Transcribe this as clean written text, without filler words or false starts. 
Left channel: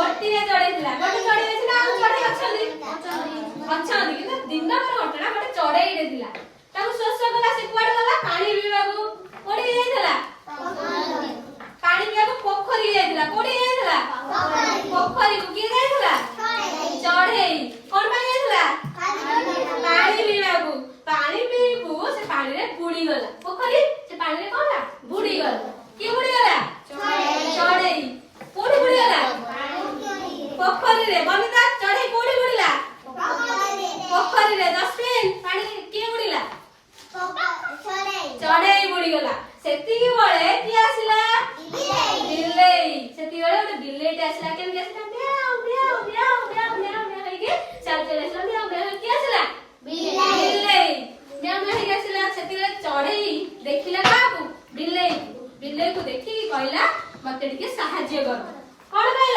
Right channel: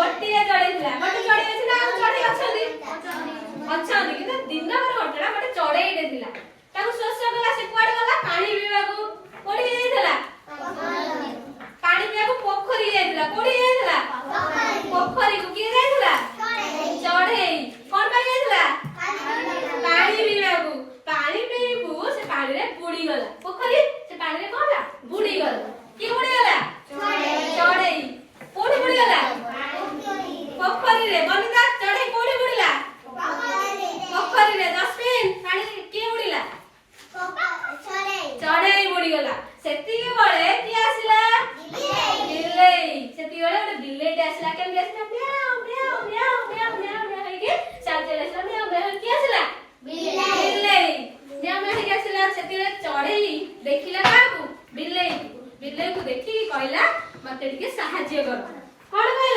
ଗୋଟିଏ ଚଢେଇଥିଲା ଗୋଟେ ଚଢେଇ ଥିଲା ଆଉ ଚଢେଇ ଅଛନ୍ତି କିନ୍ତୁ ଦିନକର ଘଟଣା ଗୋଟେ ଚଢେଇଟେ ଥିଲା ତାକୁ ଶୋଷ କଲା ସେ କୁଆଡେ ଗଲା ପାଣି ପିଇବାକୁ କୋଉଠି ଯାଇଥିଲା ପାଣି ପିଇବାକୁ ପୋଖରୀ ଯାଇଥିଲା କୋଉଠି ଯାଇଥିଲା ପୋଖରୀକୁ କିଏ ଯାଇଥିଲା ଚଢେଇ କଣ ପାଇଁ ଯାଇଥିଲା ପାଣି ପିଇବାକୁ ପାଣି ପିଇବୁ ସେ ପାଣିରେ ବୁଡି ଗଲା ପୋଖରୀ ସେ ପାଣିରେ କଣ ହେଲା ବୁଡି ଗଲା କିଏ ବୁଡି ଗଲା ଚଢେଇ କୋଉଠି ବୁଡି ଗଲା ପୋଖରୀରେ ବନିତା ଚଢେଇ କୋଉଠି ବୁଡିଲା ପୋଖରୀରେ ଡଷ୍ଟବିନ୍ ପାଣି କିଏ ବୁଡିଲା ଚଢେଇ ବୁଡିଗଲା ସେତିକି ବେଳେ କିଏ ଆସିଲା ବିଲେଇ ସେତିକି ବେଳେ ଗୋଟେ ବିଲେଇଟେ ଆସିଲା କେମିତି ଆସିଲା ମିଆଉ ମିଆଉ ମିଆଉ ମିଆଉ ମିଆଉ ମିଆଉ ହେଇକି ଚାଲି ଚାଲି ଆସିଲା ମିଆଉ ମିଆଉ କିଏ ଆସିଲା ବିଲେଇ ମିଆଉ ମିଆଉ ହେଇକି ଆସିଲା ସେତିକି ଚଢେଇ ଦେଖିଲା କାହାକୁ ବିଲେଇକୁ ଦେଖିକି କହିଲା ମତେ ଟିକେ ସାହାଯ୍ୟ କର କଣ ପାଇଁ